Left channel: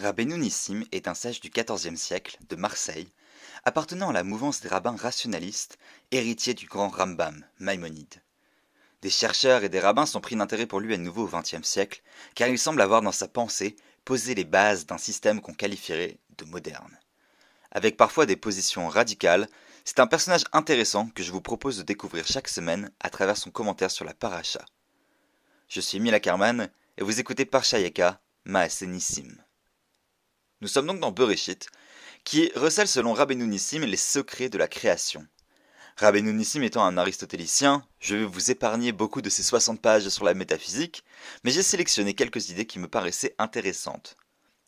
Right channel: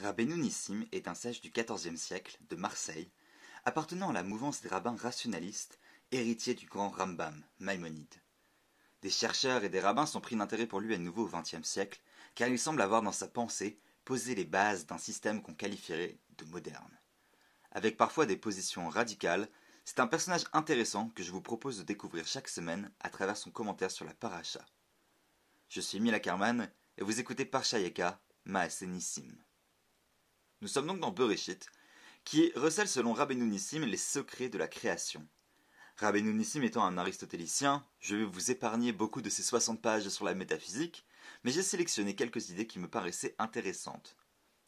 Rabbeinu Nissim est un sage du XIVe siècle de Marseille, appartenant à la mouvance des rabbins rationalistes, héritier du grand Rambam, Maïmonide. Des chercheurs et des rabbins sont pris d'intérêt pour lui à nouveau au XXe siècle, car il semble avoir dans sa pensée posé les bases d'un système qu'on qualifierait de moderne. Avec parfois des positions radicales, c'est un personnage intéressant que je vous propose de découvrir chaque semaine à travers son commentaire sur la paracha. Je suis Emile Ackerman et vous écoutez Parshayeka, Maaseh Nissim. Nous sommes donc dans Bereshit, qui recèle selon Rabbeinu Nissim les secrets de la création. Rabbeinu Nissim étant un aristotélicien, je vais vous épargner beaucoup de ces 60 pages sur la métaphysique, mais j'ai sélectionné quelques idées qui me paraissaient intéressantes.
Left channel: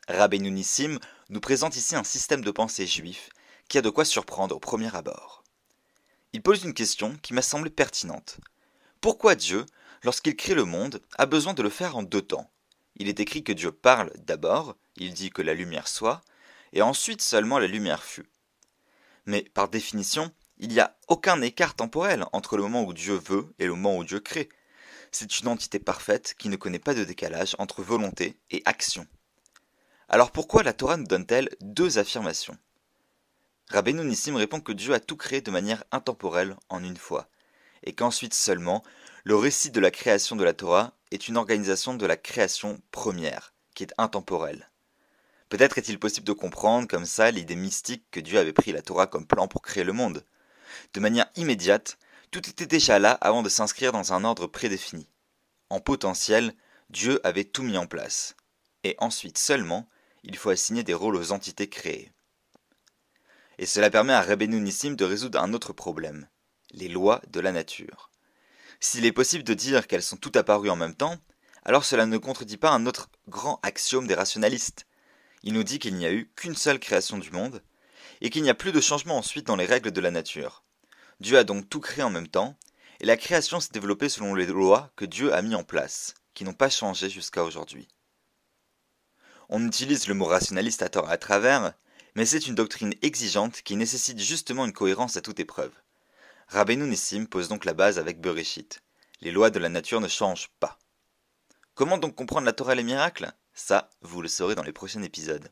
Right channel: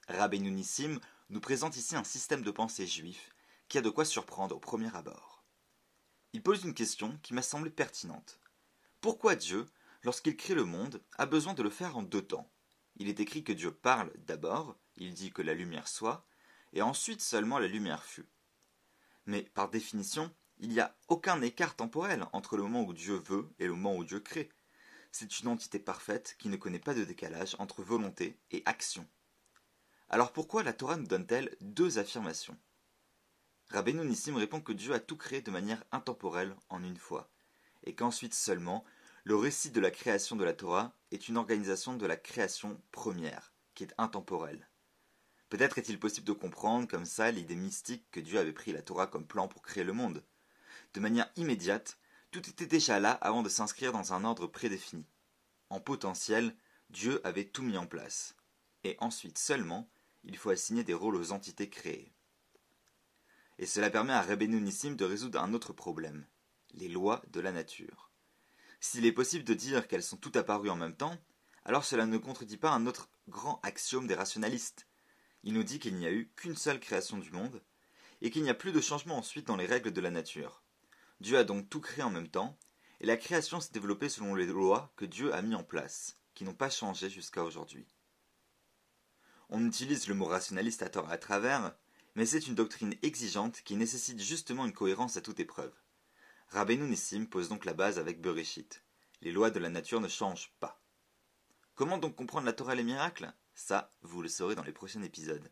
Rabbeinu Nissim nous présente ici un système de pensée juif qui a de quoi surprendre au premier abord. Il pose une question qui m'a semblé pertinente. Pourquoi Dieu, lorsqu'il crée le monde, a besoin de le faire en deux temps ? Il est écrit que Dieu parle d'abord, il dit que la lumière soit, et ensuite seulement la lumière fut. Mais par définition, il n'y a aucun écart temporel entre le moment où Dieu veut et le moment où Dieu crée. C'est une entité parfaite qui ne connaît pas de décalage entre volonté et action. Alors pourquoi la Torah nous donne-t-elle deux affirmations ? Rabbeinu Nissim répond que Dieu a tout créé de manière intemporelle en une fois, et qu'ensuite seulement, le récit de la création de la Torah est une organisation de la création première, qui est intemporelle. Peut-être est-il possible de comprendre comme ça l'idée mystique que Dieu avait pris la Torah comme plan pour créer le monde. De manière immédiate, tout était déjà là avant de s'inscrire dans un ordre prédéfini. En potentiel, Dieu avait tout mis en place. Et ensuite seulement, il faut assigner des rôles aux entités créées. Et cela permet à Rabbeinu Nissim de résoudre un autre problème, les lois de la nature. S'il est possible de dire qu'elles sont toutes apparues en même temps, alors cela ne contredit pas un autre grand axiome des rationalistes. Il nous dit qu'il n'y a eu qu'une seule création du monde, et qu'il n'y a plus de changement ensuite dans les règles de la nature. Dieu a donc tout créé en même temps, et la création s'est développée selon les lois que Dieu a mis en place, qui n'ont pas changé jusqu'à aujourd'hui. On utilise le mot rationaliste à tort et à travers, mais c'est une doctrine exigeante qui nécessite justement une cohérence à toute épreuve. Rabbeinu Nissim pose donc la base avec Bereshit. Les lois de la nature ne changent pas. Comment donc comprendre la Torah et les miracles ? Ça, vous le saurez dans les prochains épisodes.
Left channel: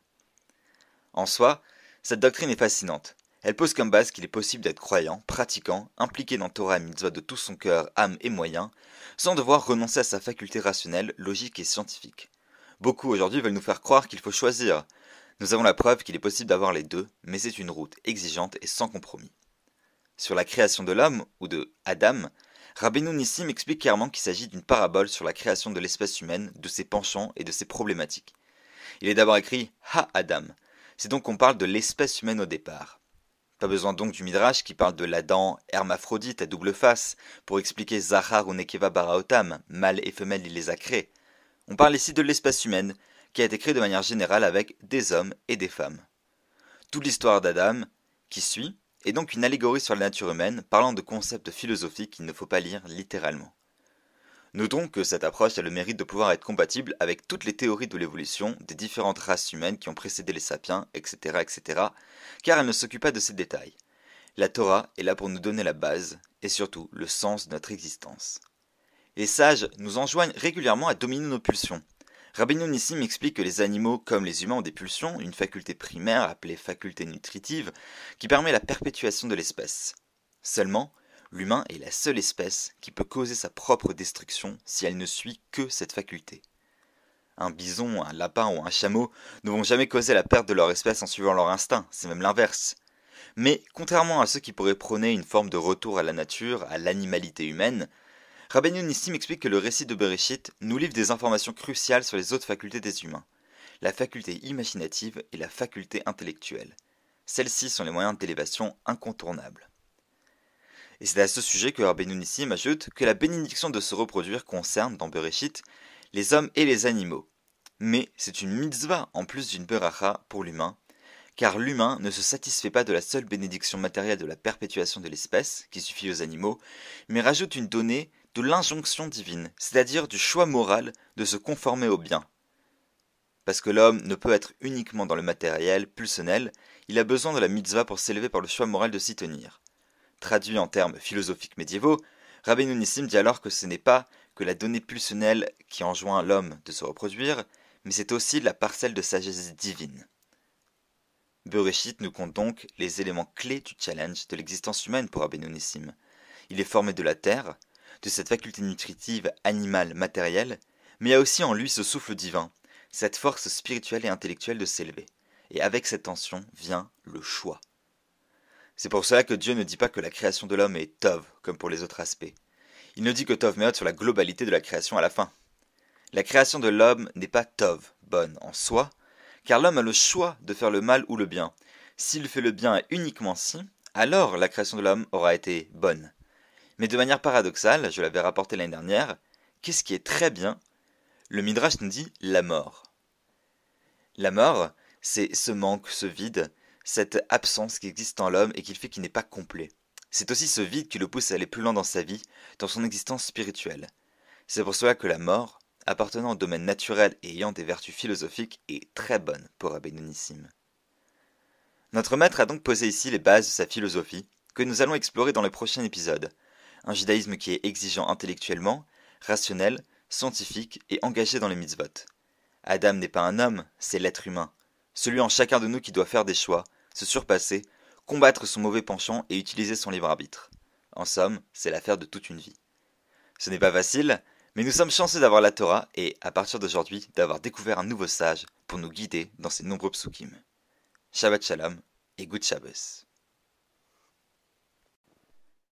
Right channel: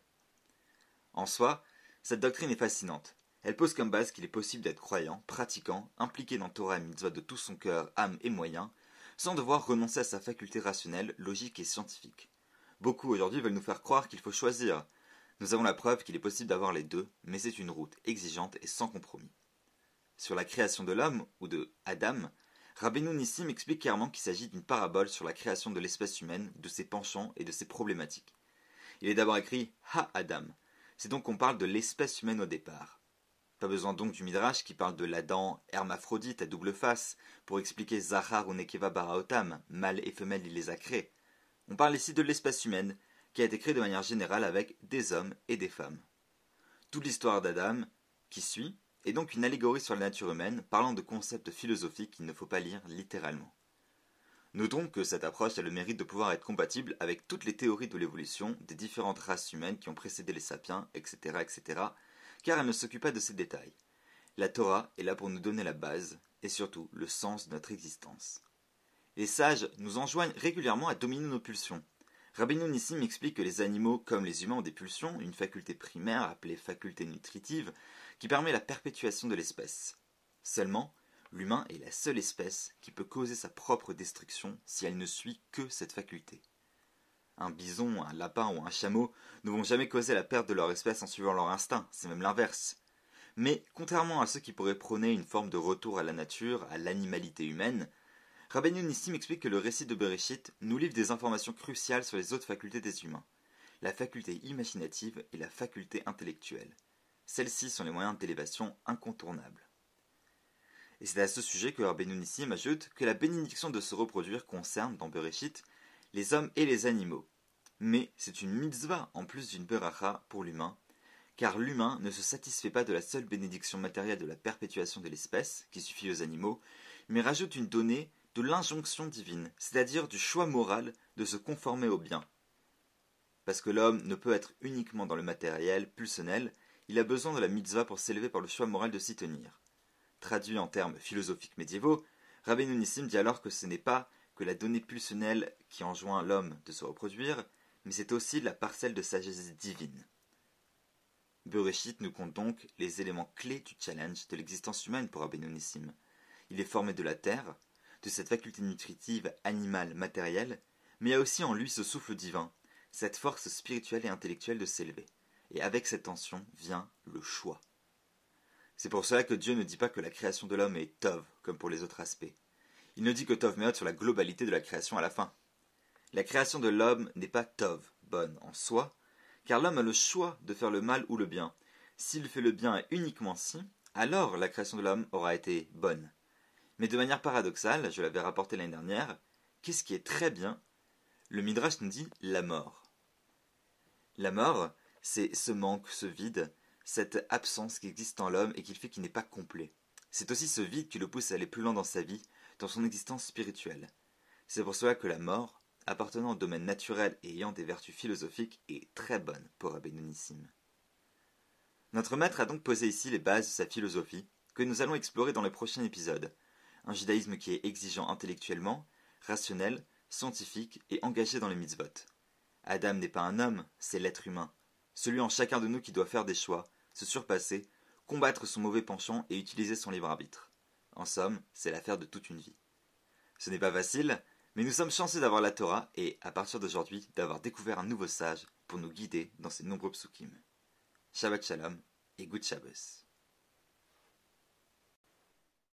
En soi, cette doctrine est fascinante. Elle pose comme base qu'il est possible d'être croyant, pratiquant, impliqué dans Torah et Mitzvot de tout son cœur, âme et moyens, sans devoir renoncer à sa faculté rationnelle, logique et scientifique. Beaucoup aujourd'hui veulent nous faire croire qu'il faut choisir. Nous avons la preuve qu'il est possible d'avoir les deux, mais c'est une route exigeante et sans compromis. Sur la création de l'homme, ou de Adam, Rabbeinu Nissim explique clairement qu'il s'agit d'une parabole sur la création de l'espèce humaine, de ses penchants et de ses problématiques. Il est d'abord écrit « Ha-Adam », c'est donc qu'on parle de l'espèce humaine au départ. Pas besoin donc du Midrash qui parle de l'Adam hermaphrodite à double face pour expliquer Zachar ou Nekeva Baraotam, mâle et femelle il les a créés. On parle ici de l'espèce humaine qui a été créée de manière générale avec des hommes et des femmes. Toute l'histoire d'Adam, qui suit, est donc une allégorie sur la nature humaine parlant de concepts philosophiques qu'il ne faut pas lire littéralement. Notons que cette approche a le mérite de pouvoir être compatible avec toutes les théories de l'évolution des différentes races humaines qui ont précédé les sapiens, etc., etc., car elle ne s'occupe pas de ces détails. La Torah est là pour nous donner la base, et surtout le sens de notre existence. Les sages nous enjoignent régulièrement à dominer nos pulsions. Rabbeinu Nissim explique que les animaux, comme les humains, ont des pulsions, une faculté primaire appelée faculté nutritive, qui permet la perpétuation de l'espèce. Seulement, l'humain est la seule espèce qui peut causer sa propre destruction si elle ne suit que cette faculté. Un bison, un lapin ou un chameau ne vont jamais causer la perte de leur espèce en suivant leur instinct, c'est même l'inverse. Mais, contrairement à ceux qui pourraient prôner une forme de retour à la nature, à l'animalité humaine, Rabbeinu Nissim explique que le récit de Bereshit nous livre des informations cruciales sur les autres facultés des humains, la faculté imaginative et la faculté intellectuelle. Celles-ci sont les moyens d'élévation incontournables. Et c'est à ce sujet que Rabbeinu Nissim ajoute que la bénédiction de se reproduire concerne, dans Bereshit, les hommes et les animaux. Mais c'est une mitzvah en plus d'une beracha pour l'humain, car l'humain ne se satisfait pas de la seule bénédiction matérielle de la perpétuation de l'espèce, qui suffit aux animaux, mais rajoute une donnée de l'injonction divine, c'est-à-dire du choix moral de se conformer au bien. Parce que l'homme ne peut être uniquement dans le matériel, pulsionnel, il a besoin de la mitzvah pour s'élever par le choix moral de s'y tenir. Traduit en termes philosophiques médiévaux, Rabbeinu Nissim dit alors que ce n'est pas que la donnée pulsionnelle qui enjoint l'homme de se reproduire, mais c'est aussi la parcelle de sagesse divine. Bereshit nous compte donc les éléments clés du challenge de l'existence humaine pour Rabbeinu Nissim. Il est formé de la terre, de cette faculté nutritive animale matérielle, mais il y a aussi en lui ce souffle divin, cette force spirituelle et intellectuelle de s'élever. Et avec cette tension vient le choix. C'est pour cela que Dieu ne dit pas que la création de l'homme est Tov, comme pour les autres aspects. Il ne dit que Tov Meot sur la globalité de la création à la fin. La création de l'homme n'est pas Tov, bonne en soi, car l'homme a le choix de faire le mal ou le bien. S'il fait le bien et uniquement si, alors la création de l'homme aura été bonne. Mais de manière paradoxale, je l'avais rapporté l'année dernière, qu'est-ce qui est très bien? Le Midrash nous dit la mort. La mort, c'est ce manque, ce vide, cette absence qui existe en l'homme et qui fait qu'il n'est pas complet. C'est aussi ce vide qui le pousse à aller plus loin dans sa vie, dans son existence spirituelle. C'est pour cela que la mort, appartenant au domaine naturel et ayant des vertus philosophiques, est très bonne pour Rabbeinu Nissim. Notre maître a donc posé ici les bases de sa philosophie, que nous allons explorer dans le prochain épisode. Un judaïsme qui est exigeant intellectuellement, rationnel, scientifique et engagé dans les mitzvot. Adam n'est pas un homme, c'est l'être humain, celui en chacun de nous qui doit faire des choix, se surpasser, combattre son mauvais penchant et utiliser son libre arbitre. En somme, c'est l'affaire de toute une vie. Ce n'est pas facile, mais nous sommes chanceux d'avoir la Torah et, à partir d'aujourd'hui, d'avoir découvert un nouveau sage pour nous guider dans ces nombreux psukim. Shabbat Shalom et Good Shabbos.